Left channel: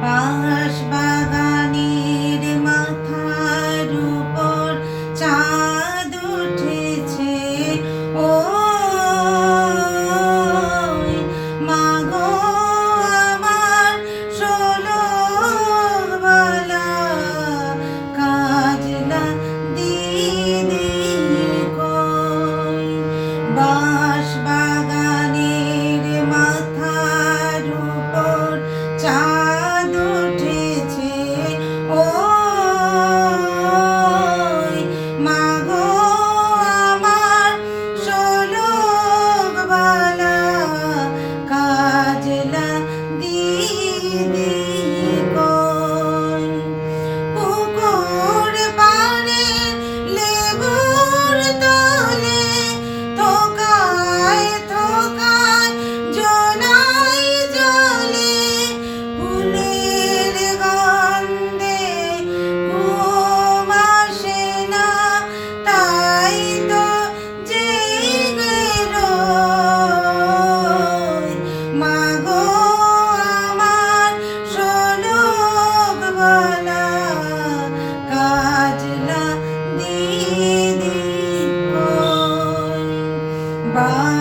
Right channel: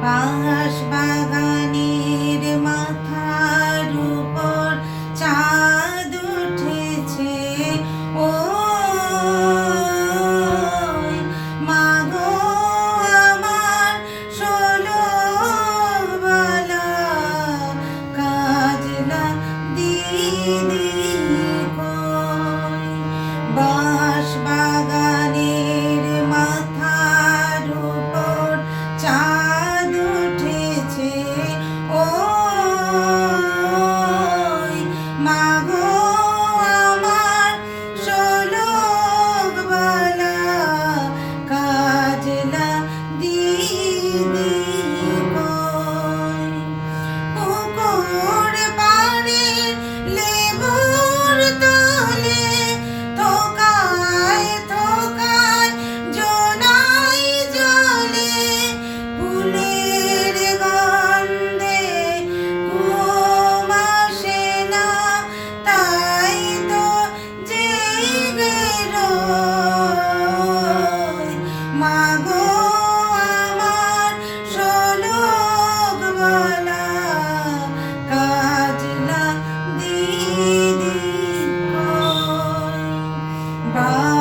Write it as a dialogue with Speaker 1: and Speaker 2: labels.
Speaker 1: Bye. Right.